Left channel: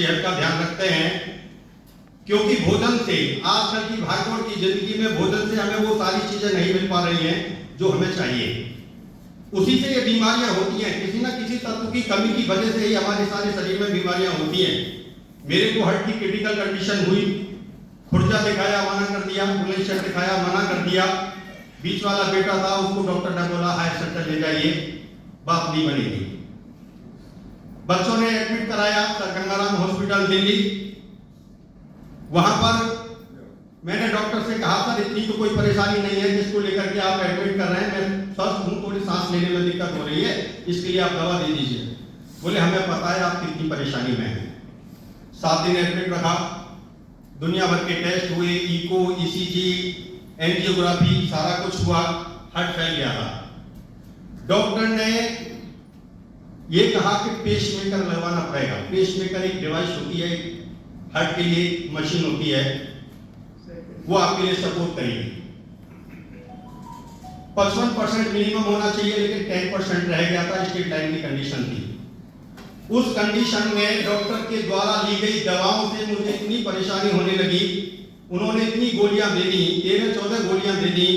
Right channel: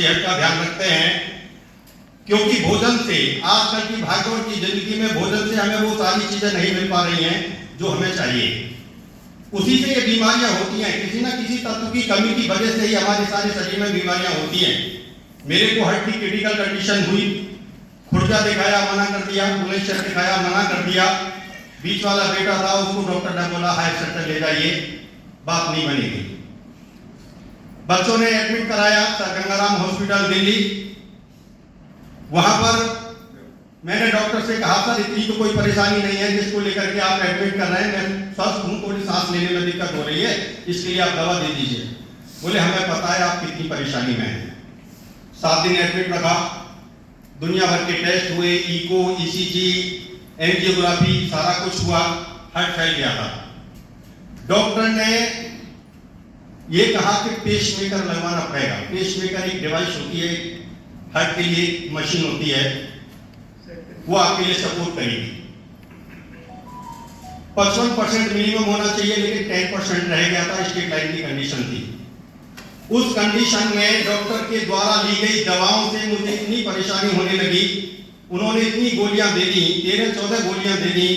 सेहत का ध्यान रखते हैं, क्योंकि भोजन से, आजकल की भागदौड़ की जिंदगी में भोजन से हमें वो सारी चीजें नहीं मिल पा रही हैं जो हमें चाहिए। उसी से ये बीमारियां होती हैं, किसी ना किसी तत्व की कमी की वजह से ही हमारे सारे शरीर में बीमारियां होती हैं। मेरे को हार्ट की क्रिटिकल कंडीशन हुई, खुर्जा दिखाया मना कर दिया, बुलेशर दिखाया मना कर दिया, बीच वाला बेटा था उसको डॉक्टर ने बोला हाई सेंटर ले जाइए, बात नहीं बनेगी। बच्चों ने एडमिट कराया सर गंगाराम हॉस्पिटल दिल्ली। वहां पर मैंने डॉक्टर से कहा सर इतनी तो कोई परेशानी नहीं है जिसको लेकर के आप एडमिट कर रहे हैं, मैं स्वस्थ हूं, थोड़ी सांस लेने में दिक्कत हो रही है, इसके लिए आप दवा दे दीजिए। बोले हमें पता है आप कितनी परेशानी में हैं। 7 दिन एडमिट रखा, दुनिया भर के टेस्ट हुए, इको, ईसीजी, एंजियोग्राफी, सारा कुछ हुआ, हार्ट फैल गया था। डॉक्टर ने ये कहा कि पेसमेकर लगवाना पड़ेगा। पेसमेकर एक डिवाइस होती है, हार्ट के लिए मशीन होती है, वो आपके लिए सपोर्ट करेगी। 55% मिनिमम होना चाहिए, लेकिन 10% रह गया था, स्टेट लाइन की कंडीशन थी। उस कंडीशन में डॉक्टर के द्वारा ली गई दवाओं से मुझे इतनी परेशानी होने लगी, उन्होंने इतनी गोलियां दे दी, 13-14 गोलियां दे दी।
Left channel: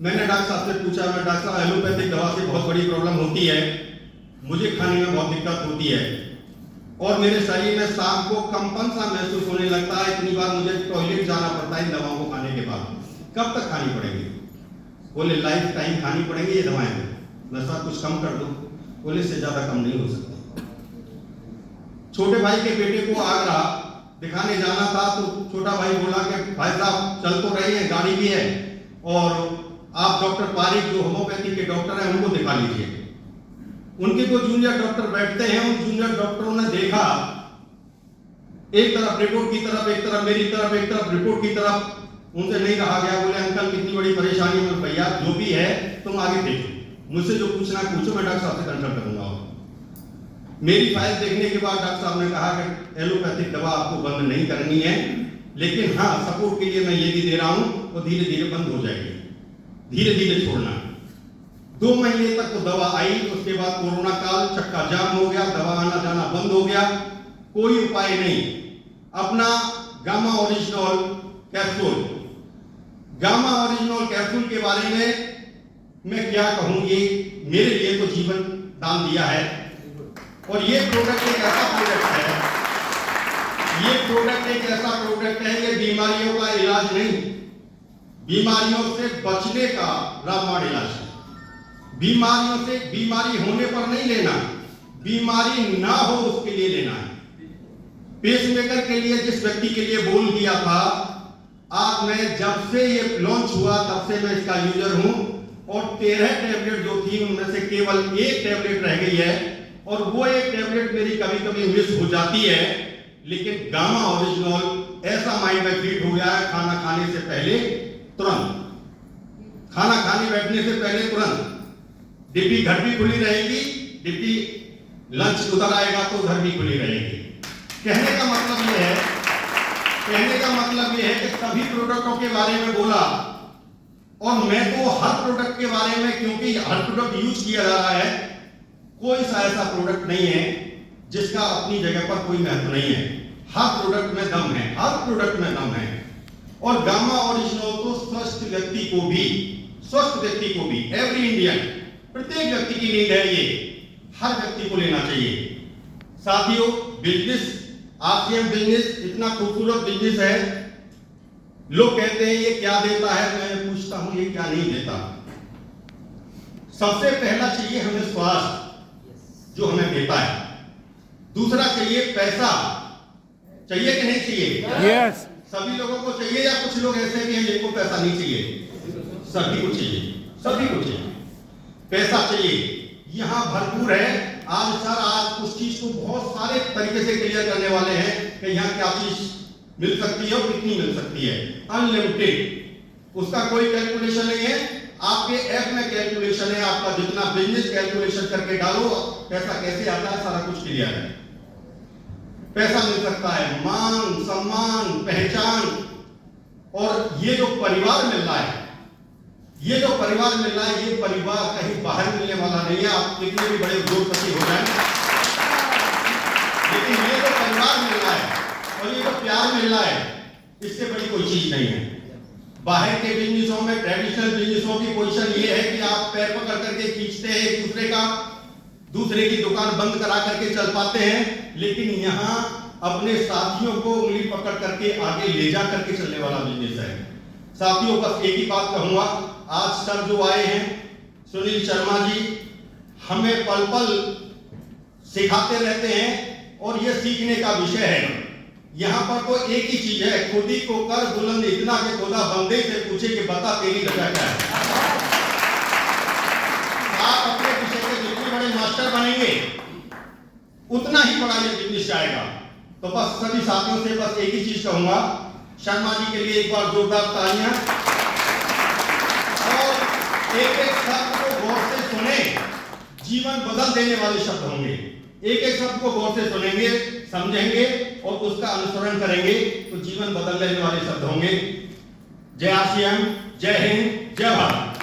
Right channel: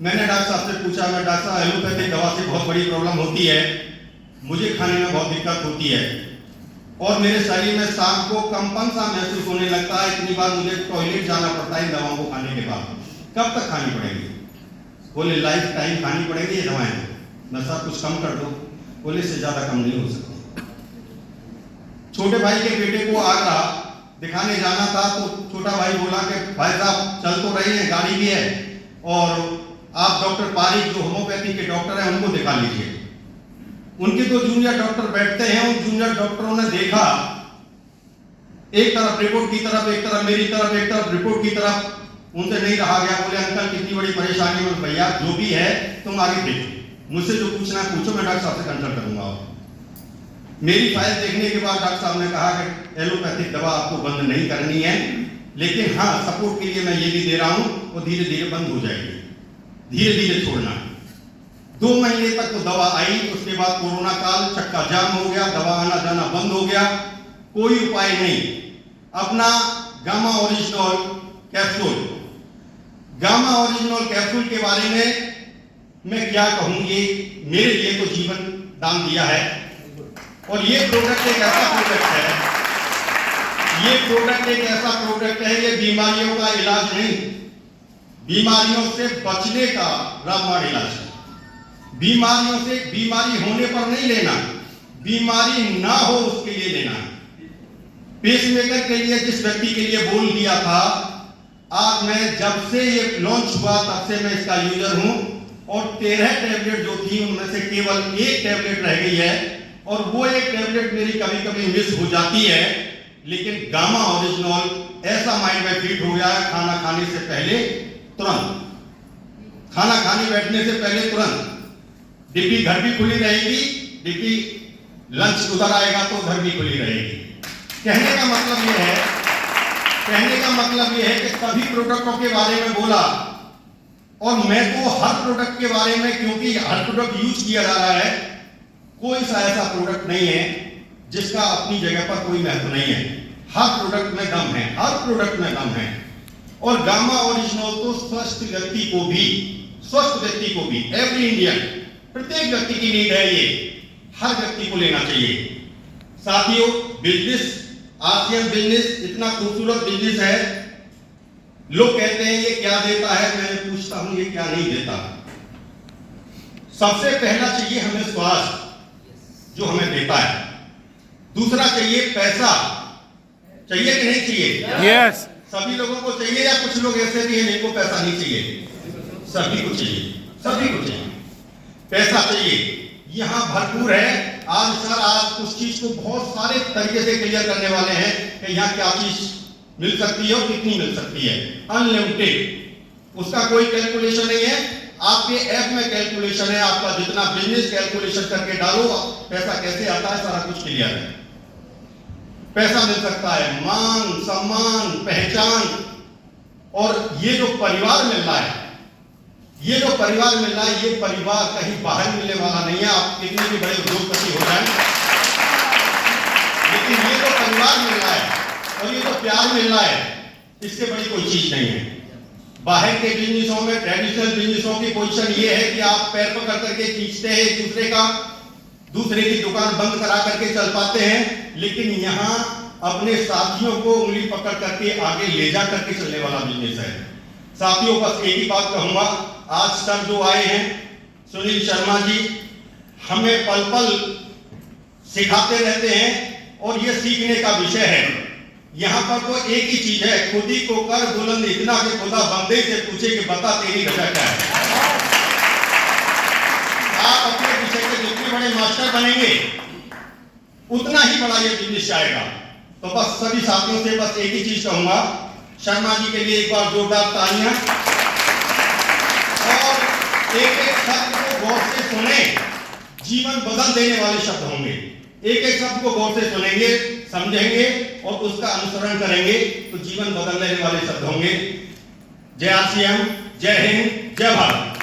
मैंने डॉक्टर साहब से पूछा, मैं डॉक्टर साहब एलोपैथिक दवा से बहुत बड़ी प्रॉब्लम होती है, मुझे खाने में बहुत दिक्कत होती है और मेरे शरीर में शाम को कंपन सा महसूस होने लगता है, इतनी बार मुझे टॉयलेट जाना पड़ता है दवाओं को खाने के बाद, कब तक खानी पड़ेगी? बोले लाइफ टाइम खानी पड़ेगी ये दवाएं, नशा कुछ कम कर दो। बोले से ज्यादा कम नहीं हो सकता। छोटे भाई के बेटे को आगरा दिखाने जाना था, तो छोटा भाई बोला कि भाई साहब चल तो रही है, गाड़ी भी है, और आप डॉक्टर पारिक जो होम्योपैथी के डॉक्टर हैं उनको दिखा लीजिए। उनके तो जूनियर डॉक्टर बैठते हैं, उन जूनियर डॉक्टरों ने देखा, एक तरफ रिपोर्ट की तरफ, एक तरफ मेरी तरफ, एक तरफ रिपोर्ट की तरफ, उनसे नहीं रहा गया। बोले अंकल कितनी बड़ी परेशानी में, भैया जो भी है तुम आगे देखो, मुझसे जो पूछना है पूछो, मैं डॉक्टर साहब से कंसल्ट करूंगा। मेरी फाइल देखने के बाद डॉक्टर साहब ने कहा कि एलोपैथिक दवा आपको बंद नहीं करनी है, लेकिन हाँ सपोर्ट के लिए मैं ये भी दे रहा हूं, वो धीरे धीरे बंद हो जाएगी, धीरे धीरे छोड़ना है। 2 महीने तक तो दवा आई, उसके बाद कोरोना काल, चक्का जाम हो गया, दवा आना जाना बंद हो गया, कोई उपाय नहीं। अपना gamma original capsule, gamma original capsule के बारे में मैं क्या कहूं, ये मेरे लिए तो जीवन दान दिया है। और ये प्रोडक्ट एक ऐसा प्रोडक्ट है, ये प्रोडक्ट एक ऐसा प्रोडक्ट है, ये बीमारियों का इलाज नहीं, बीमारियों से बचने का रामबाण इलाज है। बीमारियों से, बीमारी होने पर नहीं लेना, बीमारी ना हो उसके लिए लेना। पेसमेकर के लिए जिस व्यक्ति के लिए बोल दिया था, आज मैं जब से ये लॉन्च हुआ तब से मैं इसका यूजर हूं, और 13 टैबलेट जो थी उनमें से केवल 1 टैबलेट रह गई है, और वो 1 टैबलेट मेरी कभी कभी मिस हो जाती है, लेकिन गामा ओरिजिनल ऐसा माइंड में फिट हो गया है, खाना खाने से पहले तुरंत, खाना खाने बैठने से पहले तुरंत, डिब्बी घर भी खुली रहेगी, डिब्बी लंच उधर आएगा तो घर भी खुली रहेगी। कहने का मतलब यह है, कहने का मतलब यह है कि सभी प्रोडक्टों के बारे में बोला, और मैं तो हर प्रोडक्ट के बारे में, क्योंकि हर प्रोडक्ट यूज किया जा रहा है, कोई सा ऐसा प्रोडक्ट नहीं है जिसका अपनी जगह पर कोई महत्व नहीं है। हर प्रोडक्ट में दम है, हर प्रोडक्ट में दम है। और गामा ओरिजिनल तो स्वस्थ व्यक्ति को भी, स्वस्थ व्यक्ति को भी, एवरी इंडियन, प्रत्येक व्यक्ति की नीड है, ये हर व्यक्ति को लेना चाहिए। साथियों, बिजनेस, आरसीएम बिजनेस इतना खूबसूरत बिजनेस है, लोग कहते हैं ये क्या देता है, मैं पूछता हूं ये क्या नहीं देता। सबसे पहला चाहिए हमें स्वास्थ्य, जो हमें देता है। दूसरा चाहिए पैसा, चाहिए कि नहीं चाहिए? यस। सभी लोगों को चाहिए, या कुछ लोग ऐसे भी हैं जिनको पैसा नहीं चाहिए? सभी को चाहिए, सभी को चाहिए, पैसा चाहिए, यहां भरपूर है। आज सर, आज उस चीज को बहुत सारे तरीके से क्लियर करने वाले हैं कि यहाँ क्या चीज मिल सकती है और कितनी मिल सकती है, अनलिमिटेड, उसका कोई कैलकुलेशन नहीं है। आपके ऐप में कैलकुलेशन है, आपका जितना बिजनेस कैलकुलेशन करके डालो, पैसा कैसे आता है सारा कुछ क्लियर है। पैसा मिल सकता है, मान सम्मान पहचान, और ये जो परिवार मिल रहा है, ये जो परिवार मिल रहा है, ये परिवार कहीं बाहर मिलने वाला नहीं है। आप कितने भी बड़े उद्योगपति हो जाए, लेकिन ये जो परिवार मिल रहा है और ये जो प्यार मिल रहा है, इससे बड़ी कोई चीज नहीं है। बाहर के बिजनेसों में, ट्रेडिशनल बिजनेसों की पोजीशन ये है कि आप पैर पकड़ करके खींचते हैं एक दूसरे का, दूसरे की दुकान बंद करा करके चल पाते हैं, लेकिन यहाँ अपने साथियों को उंगली पकड़ करके आगे ले जा करके चलने वाला बिजनेस है। साथियों, बस एक ही बात कहूंगा, आज सर जो आए हैं सुनील शर्मा जी, हमें पल पल सिखाते रहते हैं और ये सीखने का विषय है। यहाँ पर तो एक ही चीज है, खुद ही को कर बुलंद इतना कि खुदा बंदे से पूछे कि बता तेरी वजह क्या है। आप अपने विषय के जितने बड़े मास्टर बनेंगे उतना ही बड़ा ये बिजनेस जाएगा। तो बस सभी साथियों से बस एक ही चीज कहूंगा, शर्मा जी के लिए एक बार जोरदार तालियां, और एक एक शब्द को गौर से सुने, जीवन बदल देने वाले शब्द होंगे। एक एक शब्द को गौर से सुनेंगे, समझेंगे और उसका अनुसरण करेंगे तो जीवन बदल देने वाले शब्द होंगे। जय आसियान, जय हिंद, जय भारत।